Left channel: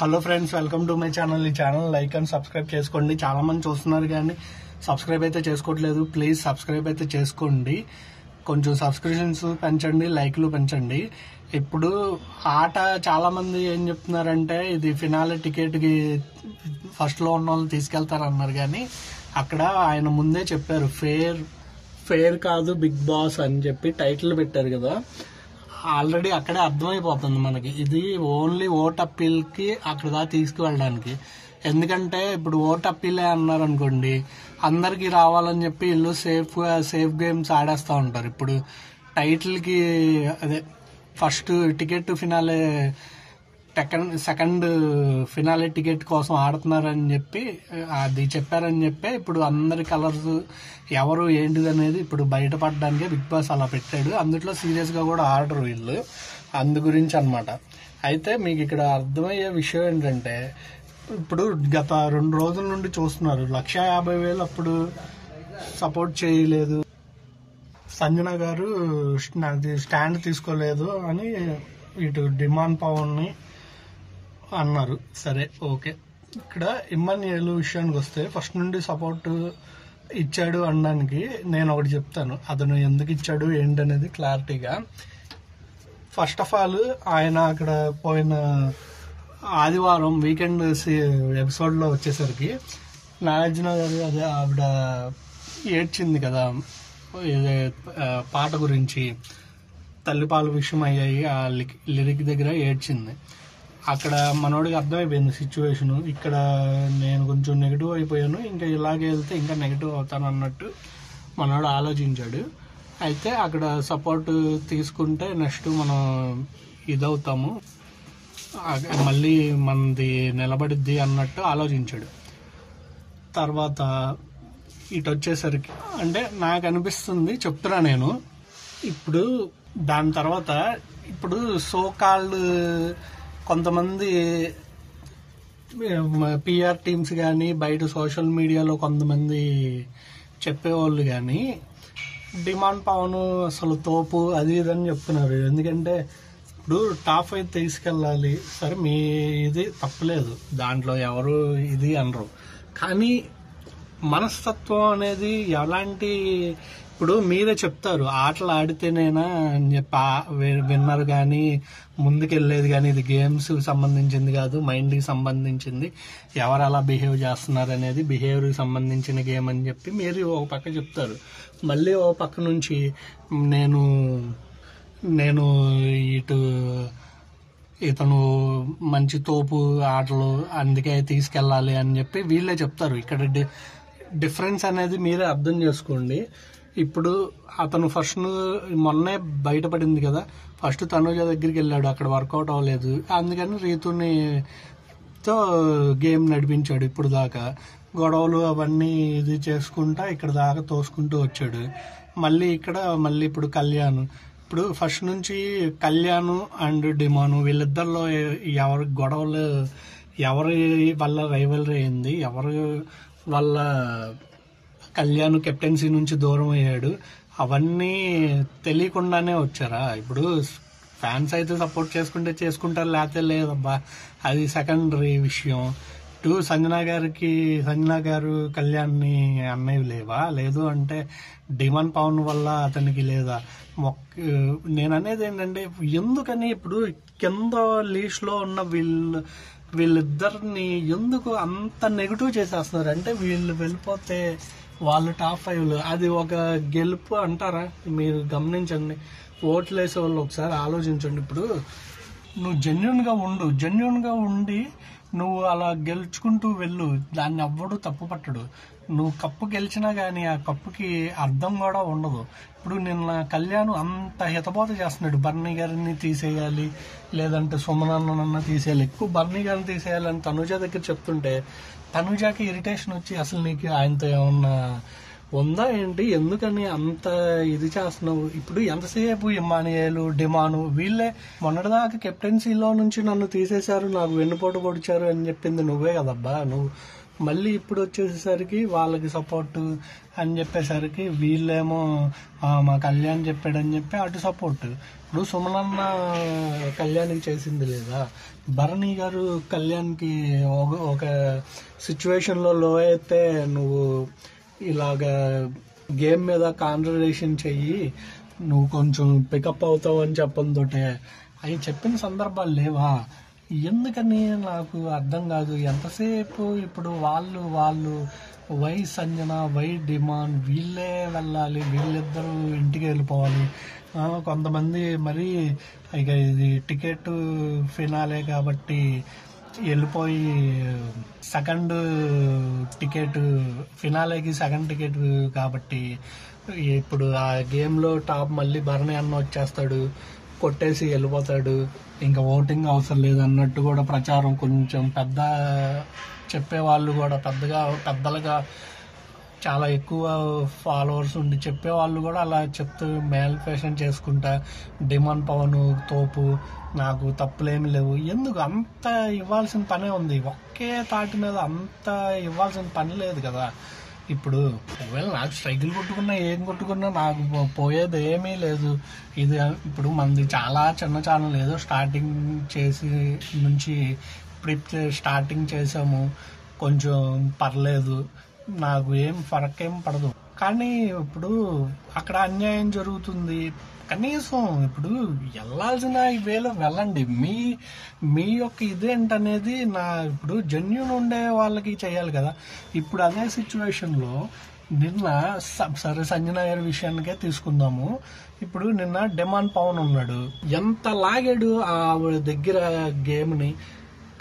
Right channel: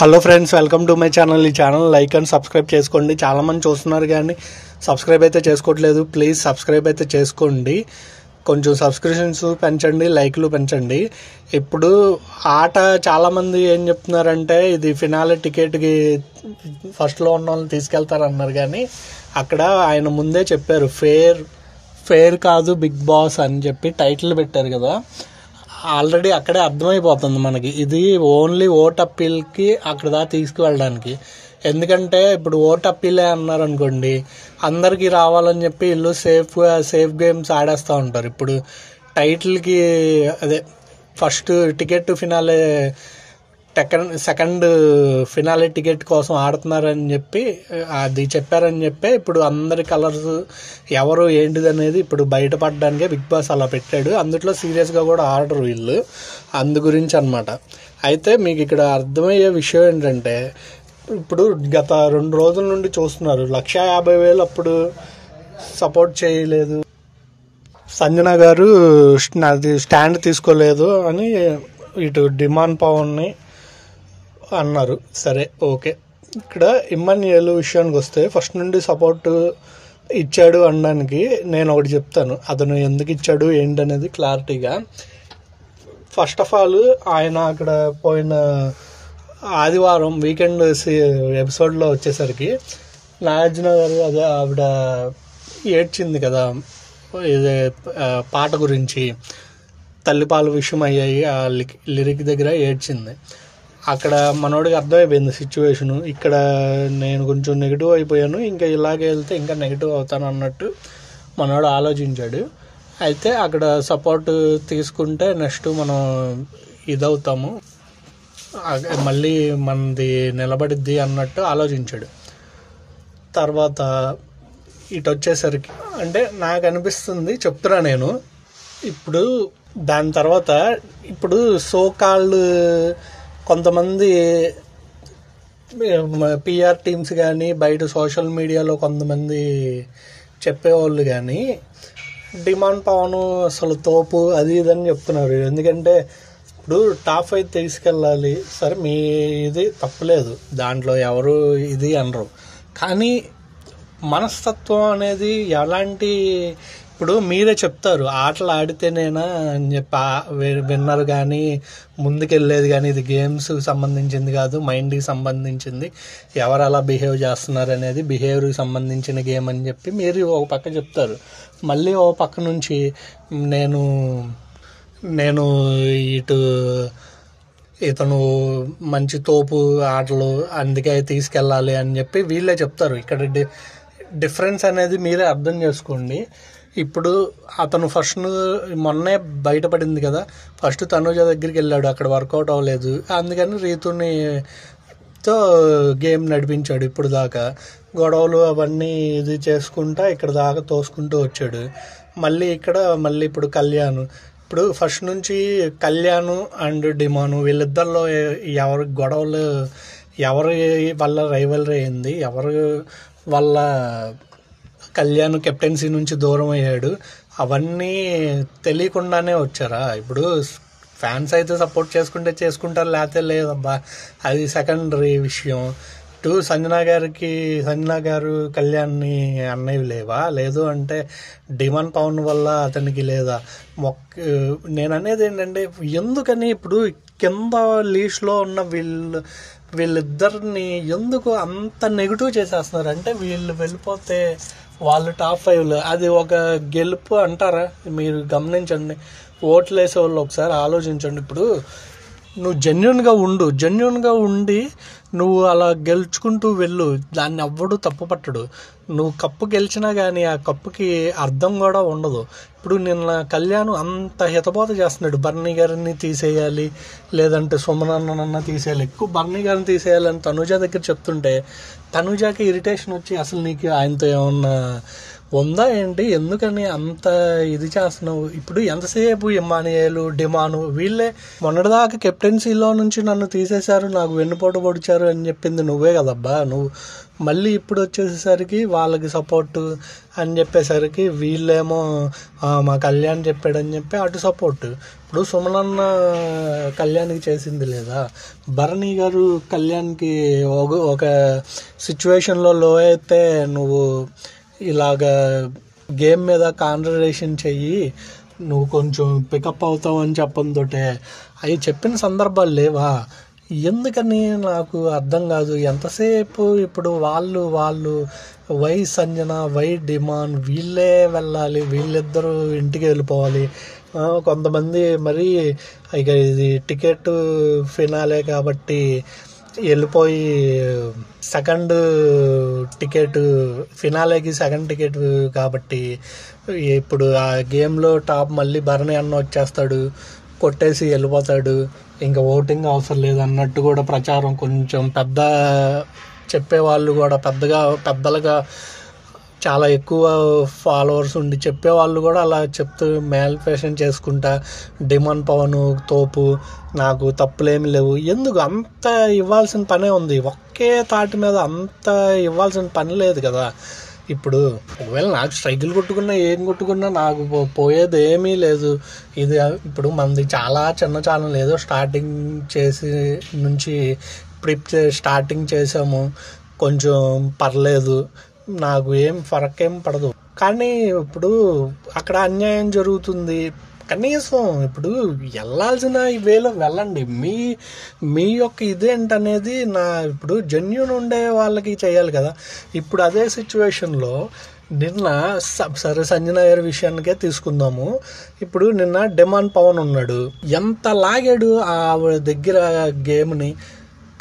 Hello friends, welcome to my channel. ఈ channel like and subscribe చేసుకోండి. చాలామంది చూస్తున్నారు కానీ సబ్స్క్రైబ్ అయితే చేసుకోవట్లేదు. ప్లీజ్ సబ్స్క్రైబ్ అయితే చేసుకోండి. కొంచెం సబ్స్క్రిప్షన్స్ పెంచండి, లైక్లు పెంచండి. ఇప్పుడు ఆట చాలామంది ఏం చెప్తున్నారంటే ఇది ఫినాలే టికెట్కి ఫస్ట్లో ఉన్న వాళ్ళని తీసుకెళ్తారన్నారు. కానీ అక్కడ ఆయన ముందే చెప్పారు ఫేర్ కాదు బిగ్ బాస్ అని చెప్పి టైటిల్ పెట్టారు కదా. ఆల్రెడీ అక్కడే అర్థమైపోతుంది మనకి ఇది ఓన్లీ ఓట్ అప్పీల్కి అక్కడ దాకా తీసుకువెళ్ళడానికి. ఎందుకంటే ఇప్పుడు ఓట్ అప్పీలే అన్నారు అనుకోండి, అందరికీ రావాలని చెప్పి వీళ్ళు సేఫ్ గేమ్స్ ఆడేస్తూ ఉంటారు. ఇప్పుడు టైటిల్కి అదే first ticket finale second finale ticket కోసం ఆడుతున్నారని చెప్పి అది చెప్పారని చెప్పి ఇప్పుడు అందరి కలర్స్ ఎవరు ఏంటిది అనేది ఇప్పుడు బయటపడడానికే బిగ్ బాస్ అలా పెట్టాడు. అందులో సీరియస్గా కూడా ఆడరు వీళ్ళు, అందు గురించి అనమాట. అయితే మీకు ఇక్కడ అర్థమయ్యే విషయం ఏంటంటే ఇప్పుడు గత 2 రోజుల నుండి చూస్తున్నారు 150,000 అప్పుడు సపోర్ట్ చేయలేదు, సంజన గారు అది స్టాండ్ తీసుకోలేదు అని ఇటు డిమాండ్ పవన్ని అన్నారు. సరే, ఓకే. ఇక్కడ ఇమ్మన్యుయల్ విషయానికి వస్తే ఫస్ట్ నుండి సపోర్ట్ ఇచ్చాడు అనడానికి నేను ఒకటి చెప్తాను. అతను ఎందుకు ఇచ్చాడు ఏంటనేది క్లారిటీగా. ఫస్ట్ ఆఫ్ ఆల్ ఆయన అక్కడ పోయిన ఆదివారం వీకెండ్ ఎపిసోడ్లో వచ్చేసరికి నాగార్జున గారు అదే ఆవిడ ఏడ్చింది కదా, ఇదే పాట గురించి తల్లిపాలు విషయం అయ్యాయి, ఆ లిరిక్ దగ్గర ఏడ్చింది. అక్కడ మనోడికి అర్థమైపోయింది సిచ్యువేషను. ఇక్కడ నేను కొంచెం నెగిటివ్ అయిపోయాను, ఇంకా ఇలాగే వెళ్తే ఇంకా నెగిటివ్ అవుతాను అన్నట్టు మనోడు ఆలోచించాడు. అయితే అక్కడ సపోర్ట్ తీసుకుంటే నెక్స్ట్ మనం ఇదవుతాము, మళ్ళీ మనది నిలబడిద్ది అన్నట్టు ఆలోచించాడు. తర్వాత ఇటు వచ్చేసరికి అంటే నాకు అనిపిస్తుంది, చెప్తున్నా నేను. ఇప్పుడు దాని తర్వాత ఇప్పుడు సోకాల్డ్ కొంతమంది పిఆర్ టీమ్స్ కానీ బయట సోషల్ మీడియాలో కొంతమంది చెప్పేవాళ్ళు కానీ డిమాండ్ పవన్ అసలు తోపు అది ఇదని చెప్తున్నారు. ఎందుకంటే ఇప్పుడు టాప్ 5 తీసుకెళ్ళాలి, సరే మీ ఇది తప్పలేదు, దాంట్లో ఎవరు ఇది అనరు. కానీ మనస్తత్వం అనేది ఎలాంటి, ఇప్పుడు మీరే చెప్తారు ఆటలు ఆడితేనేనా అని చెప్పి విన్నర్ కానీ ముందుకెళ్ళేది, కానీ ఇది గేమ్స్కి సంబంధించింది కాదు, మైండ్కి సంబంధించింది, ఎవరు అలా బిహేవ్ చేస్తున్నారు అనేది బిహేవియర్కి సంబంధించిన గేమ్ అని చెప్పి మీరు ఒక పక్క చెప్తారు. మళ్ళీ ఒక పక్క నుంచి నేను ఇతను మంచి తోపు ఆటలు అందుకే తీసుకెళ్ళాలి అని చెప్పి వీళ్ళే చెప్తారు. ఇక్కడ డిఫరెన్స్ అనేది మీరే అర్థం చేసుకోండి. ఇప్పుడు అతను ఫస్ట్ మొన్నే బయటపడింది కదా, ఫస్ట్ తనుజ దగ్గరికి వెళ్ళాడు, అక్కడ వర్కౌట్ అవ్వలేదు, అందుకని రీతునితో గేమ్ నడిపించాడు. ఇప్పుడు దాకా గొడవలు అవన్నీ ఇది చేసుకుంటా ఇక్కడ దాకా తోసుకుంటూ వచ్చాడు. మళ్ళీ ఇప్పుడు కళ్యాణ్, ఇప్పుడు ఫస్ట్ నుంచి కళ్యాణ్ అండ్ డిమాను వీళ్ళిద్దరిలో ఎవరి గొడవలు, ఎవరి వల్ల రైవలరీ అయింది, ఎవరి వల్ల కళ్యాణ్ కెప్టెన్సీ నుంచి దూరం అయ్యాడు, అవన్నీ తెలియకుండానే వచ్చారా. ఇప్పుడు ఫ్యాన్స్ అయితే సపోర్ట్ చేసుకుంటారు, లేకపోతే లేదబ్బా, అది సెకండరీ విషయం. ఇటు సంజన గారు కళ్యాణ్ని అన్నయ్య లేవా, లేదు అంటే డిమాండ్ పవన్ వల్ల అతనికి లేదా. నేను అనేది ఏంటంటే ఎందుకని ఇప్పుడు కింద లీస్ట్లో ఉన్న వీళ్ళిద్దరిని ఎందుకు అంత నెగిటివ్ చేసేస్తున్నారు అంటే, వీళ్ళు వెళ్ళిపోతే వాళ్ళు టాప్ 5లో అది ఒక గెలుపు అంటారా? మీరు గమనించండి, ఓట్లు వేసే వాళ్ళు ఒకసారి ఆలోచించండి. ఇప్పుడు నువ్వు జెన్యున్గా ఉండి నువ్వు అలా గెలుచుకుంటూ వెళ్ళు, దాన్ని ఎవ్వడు తప్పు పట్టడు. నువ్వు కప్పు గెలిచినా కానీ ఆ కప్పుకి అర్థం కూడా ఉండదు. ఇప్పుడు నిన్న కళ్యాణ్ అంత హితబోధ చేస్తున్నాడు, బర్నీ గారిని తీసేయాలి, లేదంటే సుమనన్న తీసేయాలి, ఎక్కువ బర్నీ గారిని తీసేయాలని తనుజ దగ్గర చెప్తుంటే తనుజాకి ఇరిటేషన్ వచ్చి అసలు నీకు ఆయనతో ఏమన్నా ఉందా ఏంటి, ఎందుకని అంత ఇది చేస్తున్నావు. ఇప్పుడు ఎంతసేపు ఇమ్మానియేలు డిమాను వీళ్ళే మొన్నటిదాకా కెప్టెన్సీలో నుంచి నన్ను తీసేశారు, నాకు వెన్నుపోటు పొడిచారు అని చెప్పింది నువ్వే కదబ్బా. మళ్ళీ ఇప్పుడు వచ్చేసరికి వాళ్ళకి సపోర్ట్ అని చెప్పేసరికి వీళ్ళేమో మా కళ్యాణ్ చెప్పాడని చెప్పి అటు సపోర్ట్. ఇప్పుడు సుమనన్న కళ్యాణ్కి చేసింది లేదా, భరణి గారు కళ్యాణ్కి ఒక సిచ్యువేషన్లో లో అయితే నువ్వు ఇలాగా గేమ్ మీద కాన్సన్ట్రేషన్ చెయ్యి, నువ్వు కొంచెం పికప్ అవుతావు అని చెప్పంతోటే అవి చెప్పిన సందర్భాలు లేవా? ఎందుకని నాకు అర్థం కాదు. ఎంతసేపు ఇప్పుడు వాళ్ళు వై సంజన వై డిమాండ్ వీళ్ళే వెళ్ళాలి, వీళ్ళిద్దరూ ఇంటికి వెళ్ళిపోవాలి. కొంతమంది మరి ఇక ఇది టికెట్ ఫినాలే కాబట్టి వెళ్ళిపోయి సెకండ్ టికెట్ ఫినాలేకి సెకండ్ టికెట్ కాబట్టి ఇప్పుడు ఆ గేమ్లో టాప్ మళ్ళీ భరణి అన్న వచ్చేస్తాడు, కొట్టేసి వెళ్ళిపోతాడు, ఇంకా ఓటింగ్ అవసరం లేదు అన్నట్టు కూడా ప్రచారం కొంచెం పెద్ద చెప్పేవాళ్ళు కూడా పెద్దలుగా చాలా ఎక్కువ ఫాలోవర్స్ ఉండి చెప్పేవాళ్ళు కూడా అలా చెప్తూ మేనిఫెస్టేషన్ చేసుకుంటా డిమాండ్ పవన్ తోపు నాకు తప్పులేమి లేవు. ఎందుకు అంత ఇవ్వాల్సిన పనే ఉంది, ఒకే తాటి మీద అంత ఇవ్వాల్సిన పని లేదు కదా. ఇప్పుడు ఒకవేళ నాకు స్ట్రైకులు కొట్టుకున్నా ఏం కొట్టుకున్నా నాకు పోయేది ఏమీ లేదు. ఇది ఇప్పుడు మనది చాలా చిన్న ఛానల్, ఏదో స్టార్టింగ్ చేసి నుంచి ఇప్పుడు స్టార్టింగ్ చేసాము, కొంచెం పర్లేదు, నాకు ఏం ఫరక్ ఏం పడదు. కానీ ఇప్పుడు అక్కడ అన్యాయం జరుగుతుంది, కనీసం ఇప్పుడు వెళ్ళాల్సిన వేలో వెళ్ళండి. మీ యొక్క ఇదేంటనేది ఇప్పుడు జెన్యూన్ ఉండే వాళ్ళకి చేయాలి కదా. ఇప్పుడు అదే సిచ్యువేషన్లో నిన్న సరే సంజన గారి విషయానికే తీసుకుందాము. ఇప్పుడు నిన్న డిమాండ్ పవన్ ఉన్నాడు, ఎంత లాగాడు ఆవిడ దగ్గర గేమ్ని.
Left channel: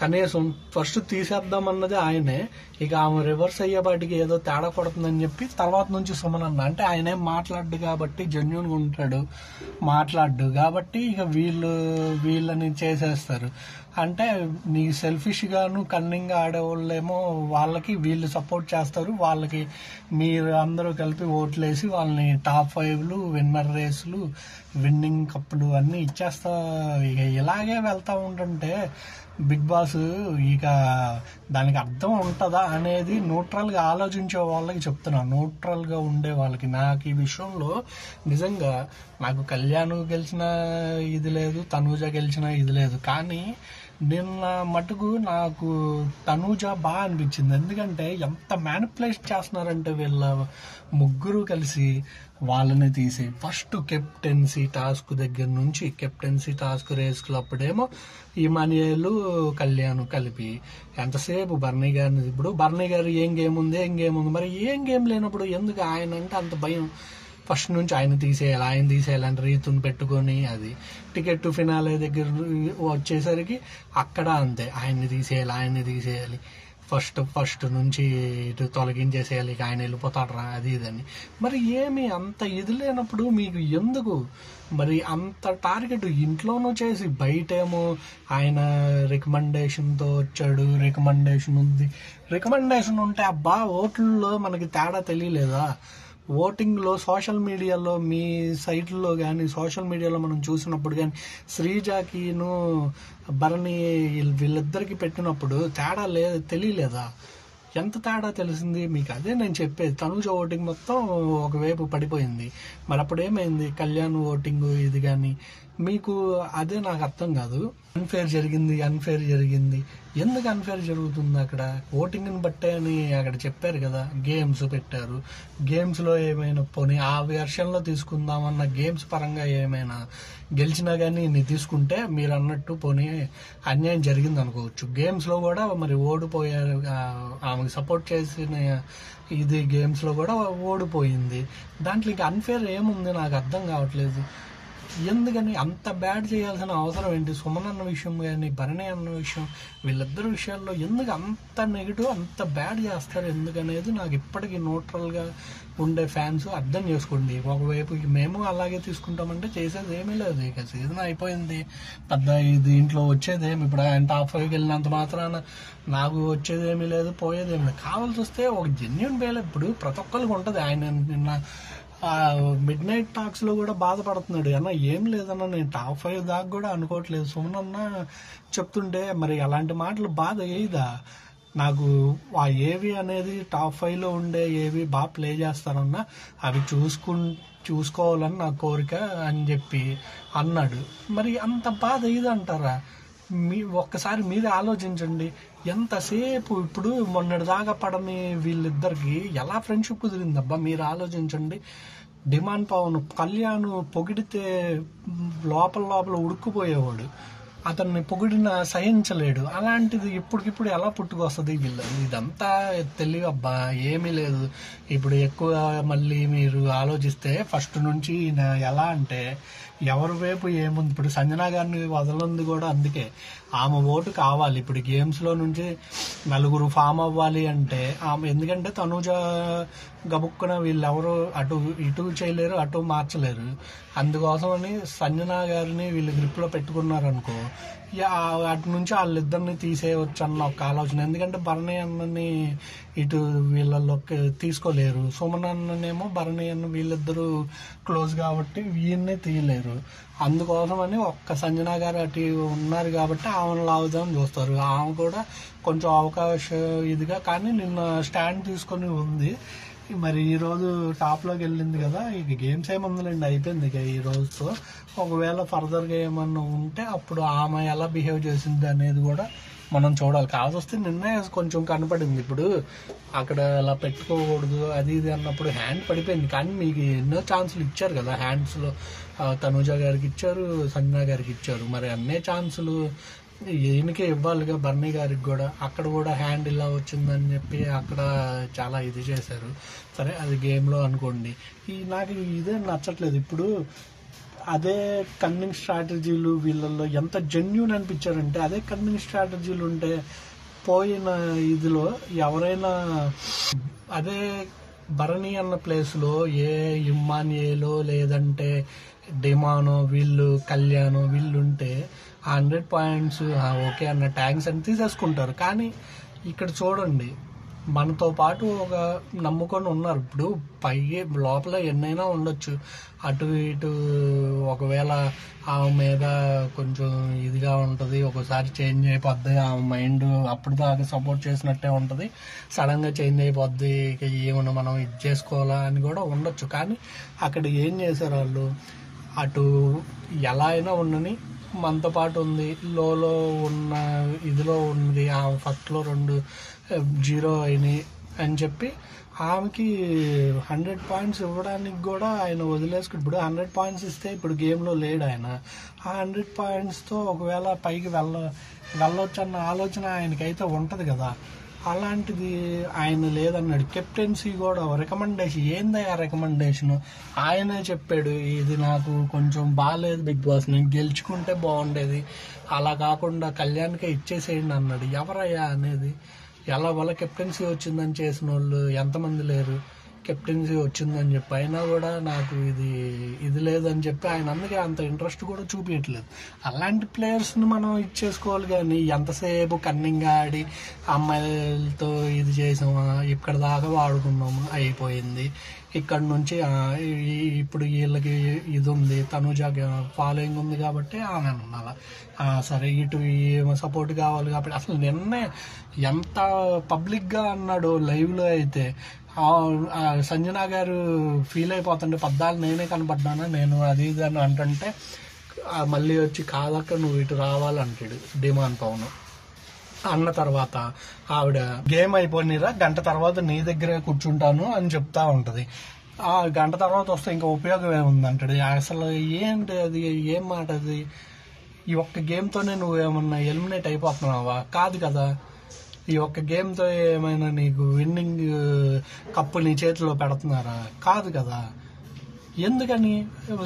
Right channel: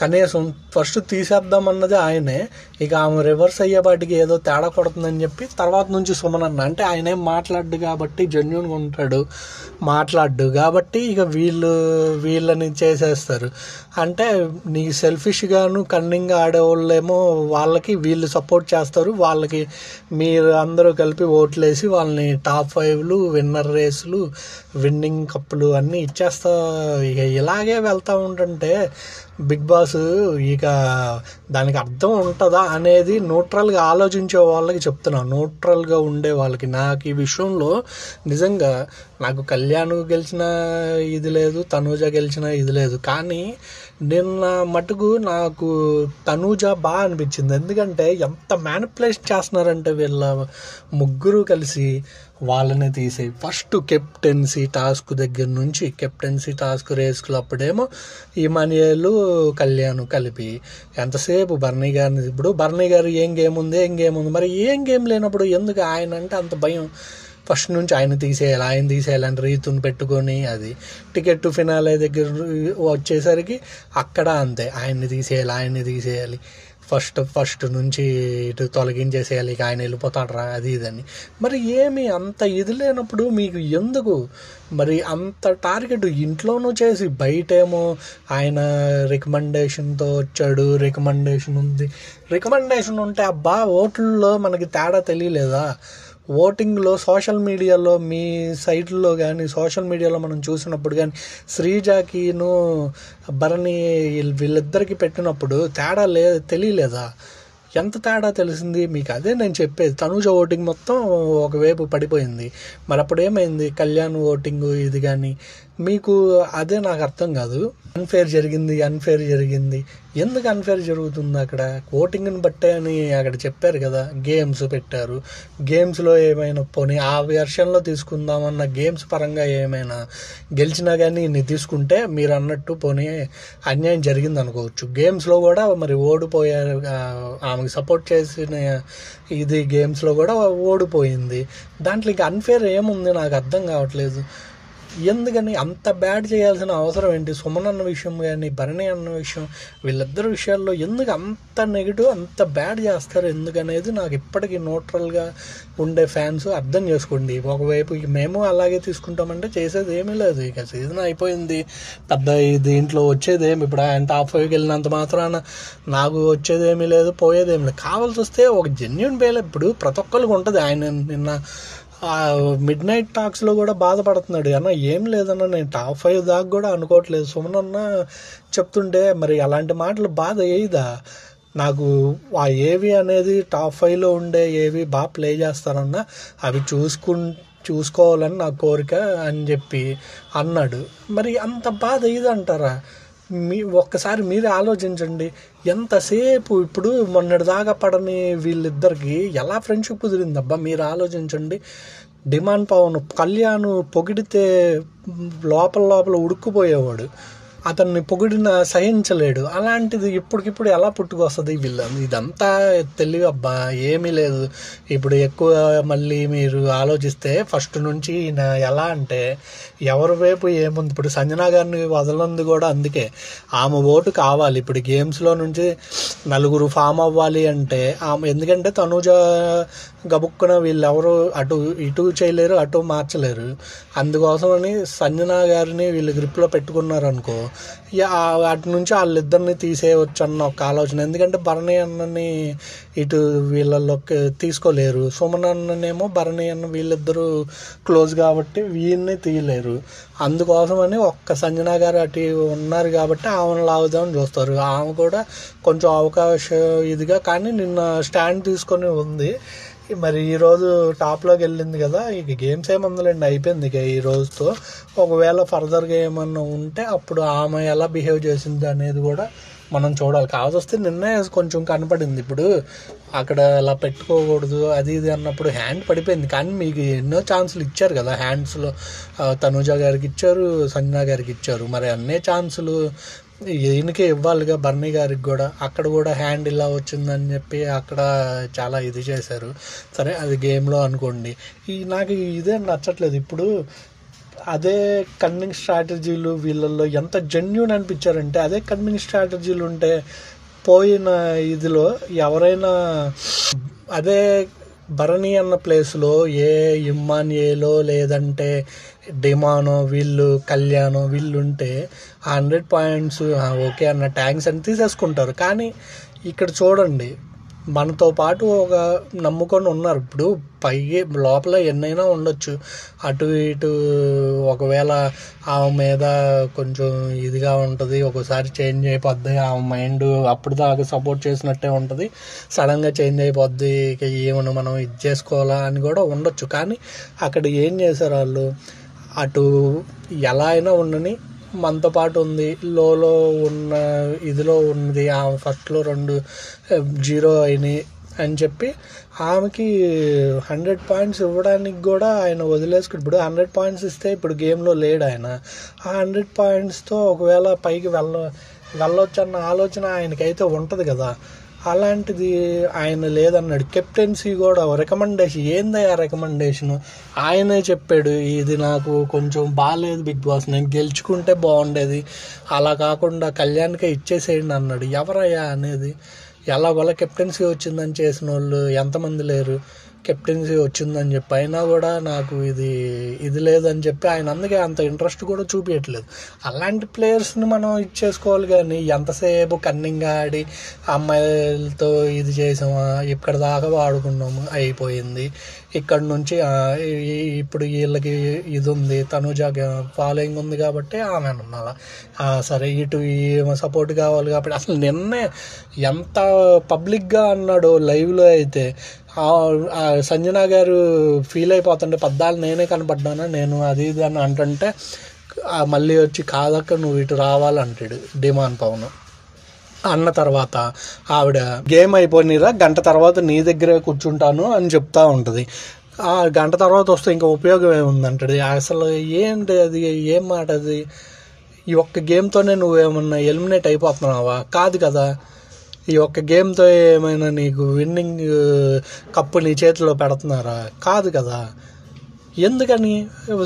కనీసం ఫస్ట్ తీసేద్దామన్నది ఆయనే, ఇక ఆమె రివర్స్ అయ్యేపాటికి ఏదో తేడా కొడుతుందని చెప్పి తర్వాత నుంచి సుమనన్న అంటే ఆయన ఏం మాట్లాడు కాబట్టి జెన్యూన్గా ఉంటాడు, మాట్లాడు కాబట్టి ఇక వీళ్ళని చేసేస్తారు. అంటే నీ సెల్ఫిష్గాను కన్నింగ్గా ఆడేవాళ్ళేమో వాళ్ళకి వీళ్ళు సపోర్ట్ చేస్తారు, వాళ్ళకి మీరు అందరూ కలిపి ఓట్లేసి వాళ్ళని టాప్ 5లు విన్నర్ రేసులు విన్నింగ్ కప్పులు అన్నీ ఇచ్చేస్తా. ఇక ఇలాగే వెళ్తూ ఉంటుంటే బిగ్ బాస్ ఇక దానికి అర్థం ఉంటుందా అనేది న్యూట్రల్గా ఆలోచించే వాళ్ళకి చెప్తున్నా, న్యూట్రల్గా ఉండే వాళ్ళకి. నాకు ఈ విషయంలో నిజంగా నాకు కళ్యాణ్ గెలిచిన ఇది లేదు, తనూజ గెలిచిన ఇది లేదు, కానీ నిన్న మటుకు నాకు తనూజ బాగా అనిపించింది. ఎందుకంటే ఎంత మ్యానిపులేట్ చేస్తున్నారంటే వీళ్ళ ముగ్గురు కలిసి వాళ్ళని తీసి ఫస్ట్ కెప్టెన్సీ టాస్క్ దగ్గర నుంచి కెప్టెన్సీ టాస్క్ రేసుకులు అప్పుడేమో ఇమానియేలు కళ్యాణ్ కలిపి ఎంతసేపు భరణి గారిని, ఇప్పుడు భరణి గారు ఏం గేమ్ ఉంది మరి ఏం గేమ్ లేనప్పుడు ఎందుకు ఆయన అంటే అంత భయం? ఫస్ట్ నుంచి ఆయన తీసేయాలని రీతుని పెట్టుకొని అది టికెట్ ఫినాలే దగ్గర వచ్చేసరికి అక్కడ అంతే, ఆయన్ని తీసేయాలి ఫస్ట్ నుంచి ఇటు తొలగించేసేయాలి, ఇక ఆయన వెళ్ళిపోతాడరా అది ఇదని. మరి ఏమి అంత ఇది లేనప్పుడు మీకు ఎందుకు మరి అంత టార్గెట్? ఇంట్లోనూ చేసి బయటేమో ఆయన రికమెండేషన్తో వచ్చాడు, రికమెండేషన్ ఉంది, రికమెండేషన్ ఉంటే అబ్బా ఓట్లలో మనకి తేడా తెలియలేదా? ఓటింగ్లో సోషల్ మీడియాలో మీ సైట్లో కానీ సోషల్ మీడియాలో మనం చూసినప్పుడు కానీ శ్రీజాకిను భరణి వీళ్ళిద్దరికి పెట్టినప్పుడు తేడా తెలియలేదా? ఎంత తేడా తెలిసింది మీకు? అదే నేను చెప్పేది, తనూజ ఓటింగ్ మొత్తం ఒకవైపు పడిపోయింది, మరి అప్పుడు ఏమైంది కళ్యాణ్ ఓటింగ్ ఇది కానీ మీకు? అదే నాకు అర్థం కాదు. అన్ఫేర్ జరిగింది ఎందుకు అన్ఫేర్ జరుగుతుంది? అక్కడ ఓటింగ్ని బట్టే అని అక్కడ చెప్పారు కదా, గేమ్స్ పెట్టారు, గేమ్స్లో ఏమైనా పోనీ ఆ వెర్షన్లో తీసుకుందామన్న గేమ్స్ పరంగా ఏమైనా గెలిచినా కానీ ఇన్ని తీసుకుంటే మీరు అన్నట్టు పోనీ అన్యాయం జరిగింది అనుకోవచ్చు. గేమ్స్లో కూడా మరి ఓడిపోయారు, ఆమెకు సపోర్ట్ చేసిన ఇది గేమ్స్లో కూడా ఓడిపోయింది, దాంట్లో ఇంకా అన్ఫేర్ ఏముంది నాకు అర్థం కావట్లేదు. ఎందుకని అంత బ్యాడ్ చేయాల్సిన అవసరం ఏంటి? సుమన్ అన్న విషయం కానీ భరణి అన్న విషయం వీళ్ళిద్దరు విషయాల్లో ఎందుకు అంత నెగిటివ్ అంత బ్యాడ్ చేస్తారు ఎందుకనేది నాకు ఇప్పటికీ న్యూట్రల్గా ఉండే ఫ్యాన్స్ అర్థం చేసుకోండి. ఒకవైపు మేము అలాగే తీసుకుంటామంటే చేసేది ఏమీ లేదు, ఇక సీజన్ అయిపోయింది, పెద్ద దీంట్లో వచ్చేదేమి ఇప్పుడు ఆయన టాప్ 5కి వెళ్ళినంత మాత్రాన నాకు వచ్చేదేమీ లేదు పోయేదేమీ లేదు. కావాల్సి వస్తే ఒక జెన్యూన్ వేలో ఇప్పుడు ప్రతి ఒక్కరికి ఉంటుంది. ఆయన నిన్న మిడ్ నైట్ టాక్స్లో కూడా బాధపడుతున్నాడు, అన్న ఏం లేదన్నా నేను టాప్ 5 దాకా కూడా అనుకోవట్లేదు సుమన్ అన్న చెప్తుంటే మరి అలాంటి మాటలు బాధ వేయదా? నాకు ఆ ఏవి అనేది టాప్ 5లో ఉండే ఏవి బాగా ప్లే చేస్తారన్నా అవి చూసుకోవాలని నా కోరిక అని చెప్పి అన్నాడు. మరి అంత బాధ ఇదంటారా? ఒక్కసారి మీరే ఆలోచించండి. ఎంతసేపు ఇప్పుడు మొన్నటిదాకా పడని వీళ్ళిద్దరికి ఎలా ఫ్రెండ్షిప్ కుదిరిందబ్బా మీరు ఆలోచించండి. డిమాండ్ పవన్ కళ్యాణ్ పొగిడితే లోపల ఉడుక్కుపోయేవాడు, అతన్ని పొగిడిన సహించలేడు. అలాంటిది ఇప్పటికిప్పుడు ఎలా పుట్టుకొస్తుంది వీళ్ళు? ఇదంతా తెలివి అబ్బా, ఏమీ లేదు. ఇప్పుడు ఎక్కువ మళ్ళీ మీరు ఆలోచిస్తే ఫస్ట్ నుంచి ఎలా అంటే ఎవరి వైపు ఏముంది. ఇప్పుడు సంజనా గారిని వదలంది కూడా అందుకే, ఆమె ఓటు కావాలి. ఇప్పుడు గేమ్స్లో నుంచి నలుగురు ఫామ్ అవ్వాలి అంటే ఆమె, ఎందుకంటే తనూజ గబుక్కున వీళ్ళెవరు ఇటు చేయలేరు, అటు మార్చలేరు. అందుకోసమని సంజనా గారిని వీళ్ళు గ్రిప్లో పెట్టుకున్నారనుకో, వాటి నుంచి వాళ్ళిద్దరిని తీసేయవచ్చు అన్న ఒక ఆలోచన. ఎందుకంటే భరణి అన్నని ఇటు వీళ్ళలోకి తీసుకోలేరు, సుమన్ అన్ననేమో భరణి అన్న వీళ్ళిద్దరూ క్లోజ్ కాబట్టి వీళ్ళని తీయలేరు. అందుకోసమని ఒక్క సంజనా గారు అటు ఉన్నారు కాబట్టి ఆమెను లాగుదామని చూస్తారు. ఆమె కూడా కొంచెం అవకాశం ఇదిగా కానీ నిన్న స్టాండ్ తీసుకొని ఉంది. మరి ఈరోజు టాప్లోకి వెళ్ళింది కదా, ఇక గేమ్స్ ఏమందులండి, అయిపోయింది ఇక ఈ రోజుతో. ఒకవేళ ఫర్దర్గా ఏమన్నా ఉంటే అప్పుడు ఆమె ఎలా బిహేవ్ చేసింది అనేది కూడా మనం చూడాలి. కావస్తే నిన్నే కొంచెం కనపడింది. ఇప్పుడు అక్కడ అలా పెట్టుకోకూడదు అది ఇది అన్నప్పుడు హ్యాండ్ పడిపోయింది. కానీ మీకు ఎన్నో ఛాన్సులు ఇచ్చారు కదా, హ్యాండ్స్లో తనూజ గారికి ఇచ్చారు, సంజనా గారికి ఇచ్చారు. మరి అన్నే ఛాన్సులు ఈయనకే ఇవ్వాలిగా, బర్నీ గారికి కూడా. అక్కడ కూడా హ్యాండ్ ఇలా వచ్చిందని చెప్పి అక్కడ చాలా ఇది చేశారు. సరే అది గేమ్లో అనుకోండి. నాకు ఇదే నచ్చట్లేదు. ఇప్పుడు అదే కన్నింగ్ స్ట్రాటజీలు వీళ్ళల్లో ఎంత జెన్యూన్ అనిపించారంటే, అదే కన్నింగ్ స్ట్రాటజీలు ఉంటే పోయిన ఇదిలో ఎవరైనా అదే భరణి అన్న ప్లేస్లో ఏ ఇమ్మాన్యేలో లేదంటే డిమానో వీళ్ళు కళ్యాణో వీళ్ళు ఉంటే 100 పాయింట్స్ ఓకే అన్న ట్యాంక్స్ అని తీసేసుకుంటారు. కానీ ఇక్కడ చూడండి, మనతో పాటు ఒక నమ్ముకొని ఉన్నారు. ఇప్పుడు పైకి లోపల ఎన్నైనా ఉండొచ్చు, అటు ఇటు ఒకవేళ ఆమె మీద కొంచెం ఇదిగా ఉంటుంది, ఒకసారి చేంజ్ అయిపోద్ది ఆమె మైండ్. అప్పుడు దాకా సపోర్ట్ చేసినట్టే ఉంటుంది, సడన్గా చేంజ్ అయిపోద్ది, ఇక ఏమన్నా మనం ఇది చేసుకోవాలా అని కూడా ఉండొచ్చు. కానీ అక్కడ ఏం చేశారు వాళ్ళు, అటు ఎలా అయినా ఉండని మనతో పాటు ఉంది, లోలో ఉన్న ఇదిలో ఉన్నది, ఆమె ఫస్ట్లో 2-0 అయినాయి అని చెప్పి ఆమెకి 100 పాయింట్స్ ఇవ్వడానికి కూడా ఆయన వదిలేసుకుని, ఇప్పుడు 100 పాయింట్స్ ఇస్తే ఇప్పుడు గేమ్లో లేడు ఆయన. ఆ 100 పాయింట్స్తో ఒకవేళ పైకి వెళ్ళొచ్చు అన్న ఆలోచన ఆయనకైతే ఉంటుంది కదా. అలాంటిది ఆయన లేదన్నాడు. కెప్టెన్సీ కూడా రికమెండేషన్ ఏందయ్యా రికమెండేషను, ఆయనే చెప్పాడు ఇది నాకు కొంచెం బాగాలేదు బిగ్ బాస్, నేను గెలుచుకుంటే బాగుండేది, అలా కాకుండా కళ్యాణ్కే ఇచ్చేసేయండి అన్నాడు. ఎవరయ్యా అనేది? ఎలా వాళ్ళ కెప్టెన్సీ వచ్చిందని చేసిన వాళ్ళు ఎంతమంది లేరు? కెప్టెన్సీ వచ్చిందని చెప్పి అయినా కూడా నాకు ఇది లేదని చెప్పి ఆయన అందుకే అంత ఇంట్రెస్ట్ కూడా చూపించట్లేదు. అలాంటి ప్లేయర్స్ని మనం ఇచ్చేసుకోవాలి. కానీ ఎంతసేపు కన్నింగ్గా ఆడి అమ్మాయిలతో ఇది చేసామా, ఇక్కడ దాకా వాడుకున్నాము అయిపోయింది. ఇక్కడ నుంచి ఇప్పుడు వీళ్ళకి ఇది ఉంది, తనూజ ఫాలోయింగ్ ఉంది కాబట్టి ఆమె అన్నమాట. సరే ఇటు సపోర్ట్ కావాలి కాబట్టి అసలు నిన్నే ఎంత పబ్లిక్గా అన్నాడు లైవ్లో అయితే. సంజనా గారు ఫీల్ అయిపోతుంటే పద్దాలు నేనే కనపడ్డానా, నేను అది ఇది అని అంటుంటే మళ్ళీ వచ్చి కాదక్క నువ్వు ఇటు రావాలంటాడు డిమాండ్ పవన్ అన్న తర్వాత ఆవిడ గేమ్ అయిపోయినరా గంట తర్వాత నీ దగ్గరే కూర్చుంటాను అని చెప్తా ఉంటుంది. ఆ గంట తర్వాత వస్తే ఇంకా ఉపయోగం ఏముందంటాడు. అసలు ఏంటి అది, ఏం మాట అది? ఈ ఒక్క గేమ్తోనే నువ్వేమన్నా ఎలిమినేట్ అయిపోతున్నావా? కాదు కదా. ఈ ఒక్క గేమ్తో ఏమైనా నీకు విన్నింగ్ కప్పు నీ చేతిలో పెడుతున్నారా? కాదు కదా. ఎందుకని?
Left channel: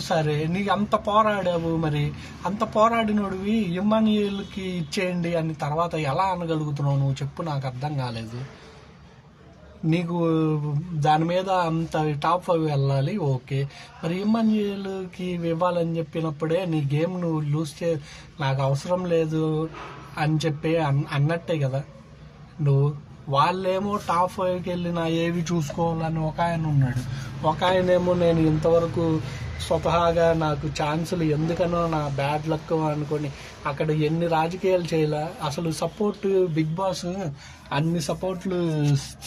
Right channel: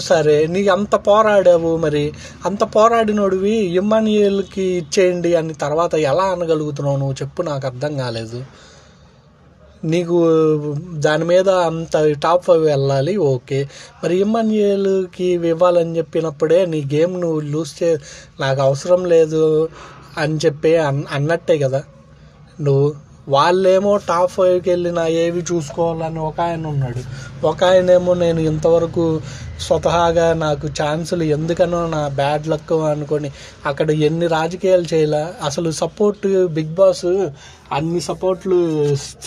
సరే నీకు అంత పోరాడావు, మరి అంత పోరాడినోడివి ఇమ్మాన్యుయల్కి ఇచ్చేయండి అని తర్వాత ఎలా అనగలుగుతున్నావు నువ్వు చెప్పు, నాకు అర్థం కాలేదు. నీకు దాని మీద అంత టాప్ 5 వెళ్ళాలి ఓకే, మరి ఇమ్మాన్యుయల్కి ఇవ్వాలని చెప్పినప్పుడే నీ గేమ్ నువ్వు లూజ్ నాకు అవసరం లేదు అని చెప్పి అన్నట్టే కదా. నువ్వు వాళ్ళేమో టాప్ 5కి వెళ్ళిన ఏవి చూసుకోవాలని ఒక ఆయన ఉన్నాడు. ఒక ఆయనేమో నేను ఇంతవరకు స్వతహాగా నాకు ఛాన్సులు ఎందుకనో నా బ్యాడ్ లక్ అనుకొని అక్కడ ఎన్ని రాజకీయాలు చేయలే. అసలు సపోర్ట్ బిగ్ బాస్ అన్ని సపోర్ట్లు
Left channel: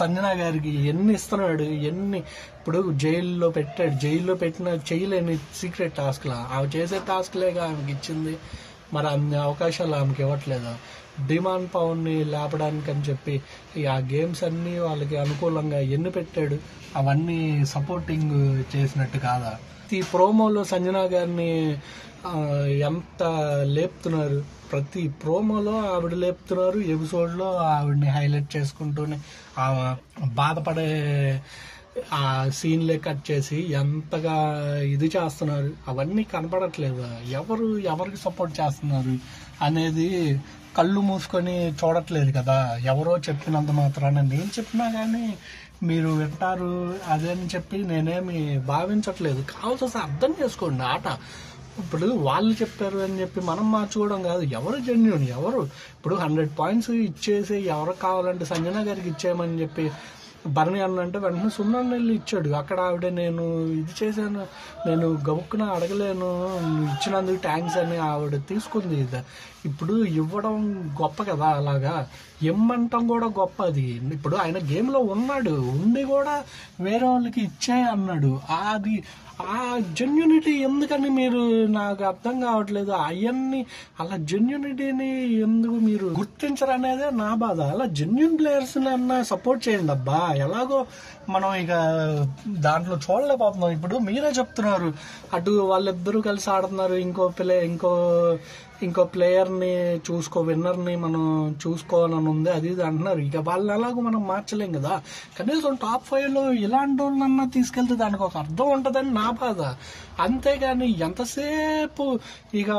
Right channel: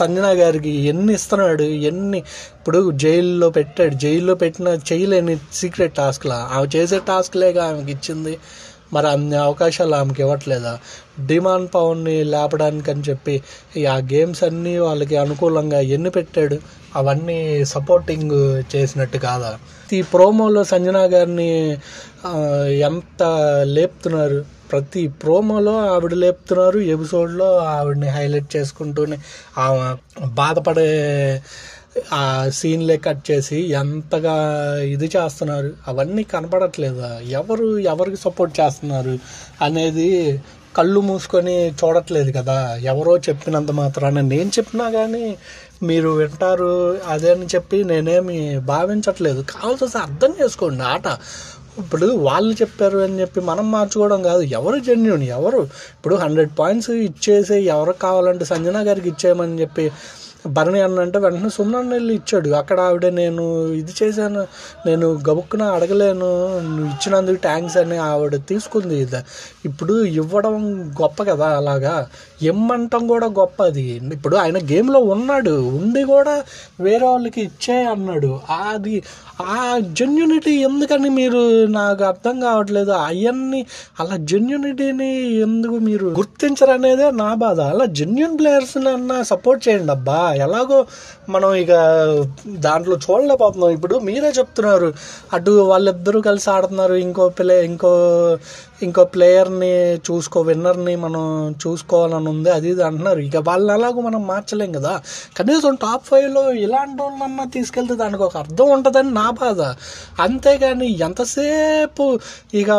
సంజన గారికి ఎన్ని ఇస్తున్నాడు, ఇప్పుడు జైల్లో పెట్టిన చేయలేని సీక్రెట్ టాస్క్లా ఆమె చేసే టాస్క్లేగా ఆమెకి ఇచ్చింది. మరి అన్ని అవకాశాలు ఆమెకి ఇవ్వట్లేదా? డిమాండ్ పవర్ని లేపడానికి అని చెప్పి ఆ గేమ్స్ అన్నీ వాళ్ళకి అనుకూలంగా ఎన్ని పెట్టాడు, అవన్నీ సపోర్టింగ్ చేసినట్టు కాదా? ఈ ప్రోమోలో సంజన గారిని ఎంత లేపుతున్నారు, ప్రతి ప్రోమోలో ఆవిడ లేపుతున్నారు, ఎపిసోడ్లో ఆవిడని హైలైట్ చేసుకుంటూనే ఆమె బాధపడే ఆ సీన్లే కట్ చేసి ఎంతగా ఇది చేస్తున్నారు. అవన్నీ కనపడట్లేదా? ఎవరికి సపోర్ట్ చేస్తున్నారు అనేది కళ్ళు మూసుకొని చూడట్లేదు కదా. ఎవరో చెప్పినంత మాత్రాన నేను చెప్పినా కానీ మీరు వింటారు అదే అని చెప్పి నేనేమి భావించట్లేదు. కావాల్సి అర్థం చేసుకోండి ఆట. ఇప్పుడు వాళ్ళు చెప్పారు అని చెప్పి మనం మార్చుకోవడం కాదు. ఎవరు జెన్యూన్, ఇప్పుడు 100 పాయింట్స్ ఇచ్చేసి ఎవరికి కావాలంటే సంజన గారికి ఇచ్చేయమని చెప్పి భరణి అంటే వెంటనే సుమన్ వెళ్ళి ఇచ్చాడు. అక్కడ ఆవిడ నేను ఇది చేశాను, నేను గబుక్కున అడగలేను, నువ్వు ఇచ్చినందుకు థ్యాంక్స్ అని ఆవిడ తీసుకుంది. ఇప్పుడు ఇవ్వడం గొప్ప కదా, అలాగా ఇమ్మంటం కూడా గొప్ప. అది ఇప్పుడు ఆయన గేమ్లో ఉన్నాడు, ఉండి కూడా వేరే వాళ్ళకి ఇచ్చే అన్నాడు. అది ఆ జెన్యూనిటీ ఎందుకని మీరు నాకు అర్థం కావట్లేదు. అవన్నీ అలా జెన్యూనిటీని ఎందుకు మీరు గుర్తించరనేదే నా బాధ. అలా జెన్యూన్ ప్లేయర్స్ని అన్న సపోర్ట్ చేయండి అబ్బా. ఎలాగో మనం ఇక దాంట్లో చూడలేకపోతున్నాం. ఇప్పుడు మీరే చెప్తున్నారు అటు వాళ్ళిద్దరూ కలిసి ఆడుతున్నారు, ఇంకో ప్లేయర్ని విన్నర్ని మనం చూసుకోవాలని ఉంది, అది ఇది అంటున్నారు. ఇక వాళ్ళని ఎలాగో మనం మార్చలేం కదా. కనీసం టాప్ 5లో ఇలాంటి వాళ్ళన్నా తీసుకెళ్తే దానికి ఒక అర్థం ఉంటుందని నా బాధ. అంతేగాని ఎంతసేపు ఇక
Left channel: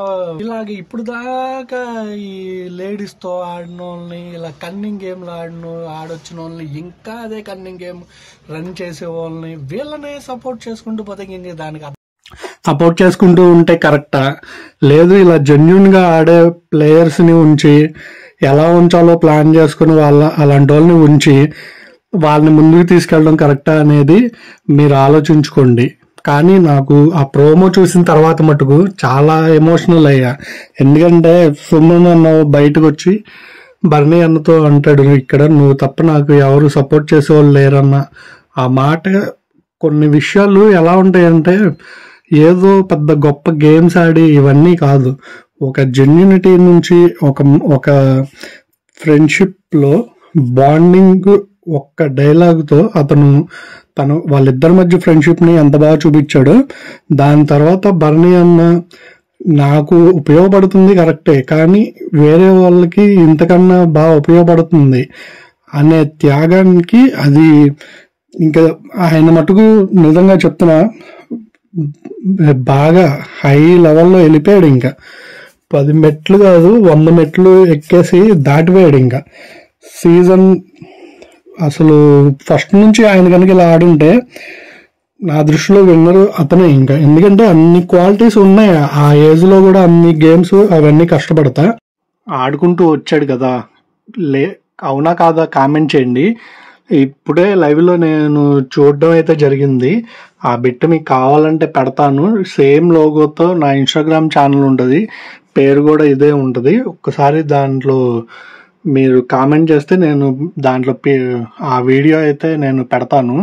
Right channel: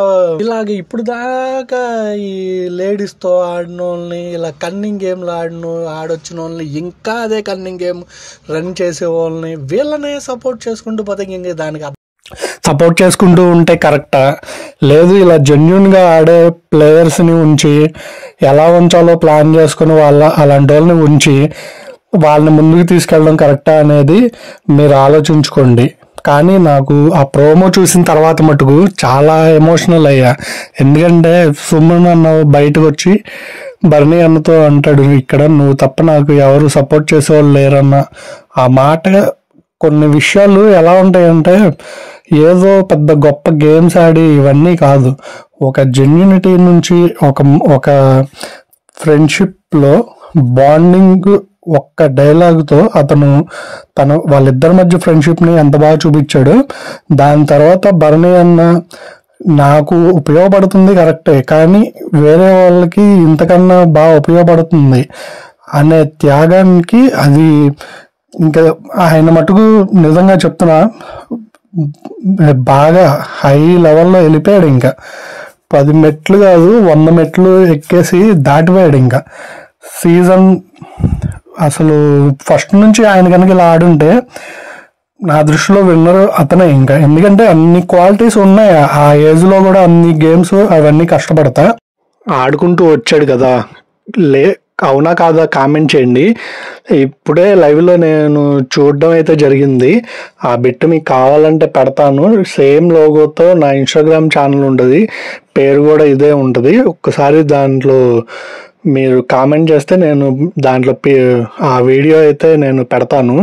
ఇలాగ ఇప్పుడు దాకా ఈ లేడీస్తో ఆడిన వాళ్ళని, ఇలా కన్నింగ్ గేమ్లు ఆడొచ్చిన వాళ్ళని, ఇంకా అదే కన్నింగ్ గేమ్ రన్ చేసే వాళ్ళని, వీళ్ళనే సపోర్ట్ చేసుకుంటూ పోతే ఇంక దానికి సపోర్ట్ చేసుకుంటూ ఉంటే కరెక్టా? లేదు, ఇలా జెన్యున్గా ఆడే ప్లేయర్స్ని ఉంచి ఎలా ఉంచాలో ప్లాన్ చేసుకుని అలాంటి వాళ్ళని ఉంచి వాళ్ళని ముందుకు తీసుకెళ్ళడం కరెక్టా అనేది మీరు ఆలోచించుకోండి. కానీ నాకు ఆ ప్రోమో చూసిన తర్వాత మటుకు చాలా ఎమోషనల్ అయ్యా. ఎందుకంటే సుమన్ అన్న బయటకు వచ్చి భరణి అన్నతో అంటాడు, ఇక్కడ నువ్వు తప్ప నాకు ఎవరు సపోర్ట్ చేసేవాళ్ళు లేరన్న ఆ మాట. కొన్ని విషయాలు ఎలా ఉంటాయంటే ఏదో పెద్ద గొప్ప గేమ్స్ ఆడి ఇవన్నీ కాదు, ఒక జెన్యూనిటీ నుంచి ఒక ఫ్రెండ్షిప్లో బాండింగ్ ఒక్క డైలాగ్తో వాళ్ళిద్దరి మధ్య ఫ్రెండ్షిప్ని ఎంత బాగా చూపించాడు. దాని తర్వాత భరణి అన్న నాకు ఉపయోగపడుతుంది కరెక్టే, కానీ వేరే వాళ్ళకి ఇంతకన్నా బాగా ఉపయోగపడుతుంది అనే త్యాగానికి అది ఇంకా ఆయన మటుకు నిజంగా చెప్తున్నా బాగా హై లెవెల్లో వెళ్ళిపోయాడు. ఇంకా 10 మెట్లు కాదు 100 మెట్లు ఎక్కేసి దాటిపోయాడు. ఇంకా సీజన్ అసలు ఫస్ట్ నుంచి ఆయన కనుక ఇలా ఆడుంటే నా దృష్టిలో విన్నర్ అతనే. ఇంకా ఎందుకంటే అన్ని క్వాలిటీస్ ఉన్నాయి ఆ ఏజ్లో కూడా, అన్ని గేమ్స్ అవన్నీ కష్టపడతా ఆడుకుంటూ వచ్చాడు కదా. అవునా కాదా కామెంట్ చేయండి. ఇప్పుడే లైవ్లో నేను చూడడం అయితే జరిగింది. ఆ బిట్ మీకు కావాలంటే పెడతాను. సేమ్ లోగోతో నా ఇన్స్టాగ్రామ్ ఛానల్ ఉంటుంది, పేరు కూడా ఇదే ఉంటుంది. ఒక్కసారి దాంట్లో మీరు కామెంట్ చేస్తే నేను దాంట్లో ఆ వీడియో అయితే నేను పెడతాను.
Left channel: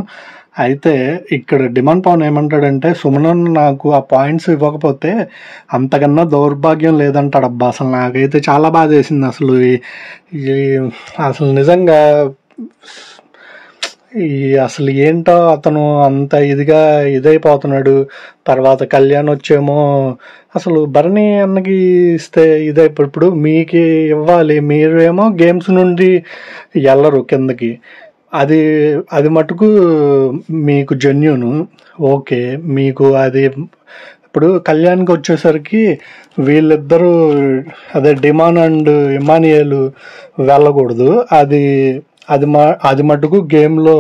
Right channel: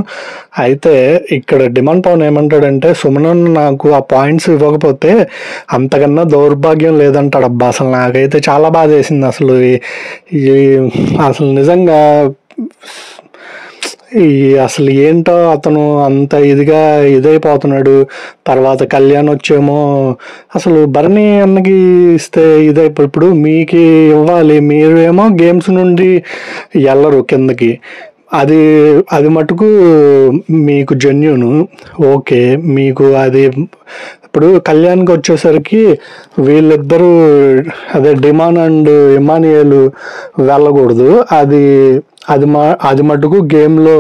అయితే ఇక్కడ డిమాండ్ పవన్ ఏమంటాడంటే, సుమన్ నాకు ఆ పాయింట్స్ ఇవ్వకపోతే అంతకన్నా దౌర్భాగ్యం లేదంటాడు. అబ్బా అసలు నాకైతే చాలా బాధ వేసింది. అసలు నిజంగా అసలు ఏంటో అతను అంత ఇదైపోతున్నాడు. తర్వాత కళ్యాణ్ వచ్చేమో అసలు భరణి అన్నకి ఇస్తే ఇప్పుడు మీకు ఇవ్వాలి, మీరు ఏమో గేమ్స్ నుండి వెళ్ళరు కిందకి. అది మటుకు మీకు జెన్యూన్ ఓకే. మీకు అది ఇప్పుడు కళ్యాణ్కి వచ్చేసరికి వీళ్ళిద్దరూ అదే డిమాన్ అండ్ ఇమానియల్ వెళ్ళకూడదు. అది మటుకు గేమ్లో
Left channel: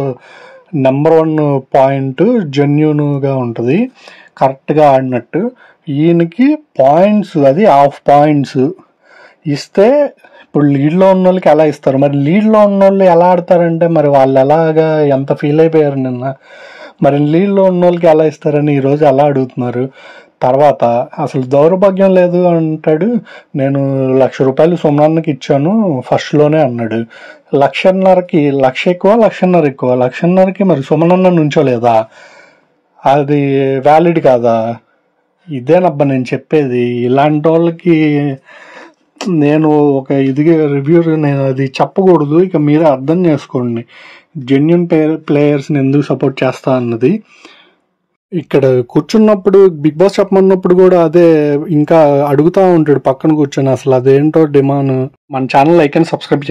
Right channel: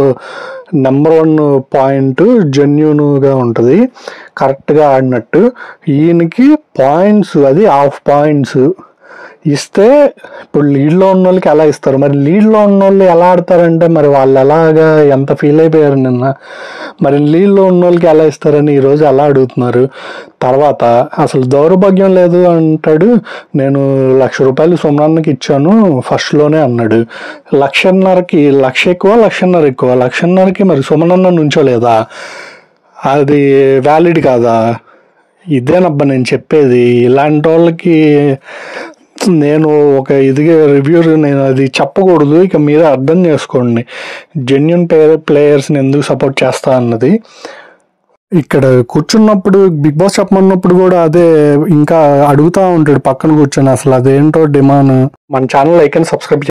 నెంబర్ 1 పాయింట్ జెన్యూన్గా ఉంటుంది, కరెక్ట్గా ఆడినట్టు. ఈయనకి పాయింట్స్ అది హాఫ్ పాయింట్స్. ఇస్తే ఇప్పుడు లీడ్లో ఉన్న వాళ్ళకి ఎలా ఇస్తారు, మరి లీడ్లో ఉన్న వాళ్ళు ఎలా ఆడతారంటే మరి వాళ్ళు ఎలాగా ఎంత ఫీల్ అయిపోయారు నిన్న, మరి లీడ్లో ఉన్న వాళ్ళకి ఎలా ఇస్తారని ఈరోజు అలా అడుగుతున్నారు. తర్వాత అసలు దౌర్భాగ్యం లేదు అంటాడు. నేను ₹1,00,000 సుమనాన్నకి ఇచ్చాను ఫస్ట్లోనే అన్నాడు. 1,50,000కి 1,00,000 ఎక్కువ 1,50,000 ఎక్కువ, 1,50,000కి మరి సుమనన్న నుంచోలేదా, అది వ్యాలిడ్ కాదా? ఇదేనబ్బా నేను చెప్పేది. ఇలాంటి వాళ్ళకి నేను ఒక ఇదిగా రివ్యూ నేను అది చెప్పకూడదు, ఇక మీరే అర్థం చేసుకోండి జెన్యున్ ప్లేయర్స్ని ఎందుకు సపోర్ట్ చేస్తా అన్నది. ఇక్కడ కూర్చున్నప్పుడు బిగ్ బాస్ చెప్పమన్నప్పుడు కూడా అదే ఇంకా అడుగుతూ ఉంటాడు పక్కన కూర్చొని, అసలు అదేంటో డిమాండ్. మన ఛానల్ లైక్ అండ్ సబ్స్క్రైబ్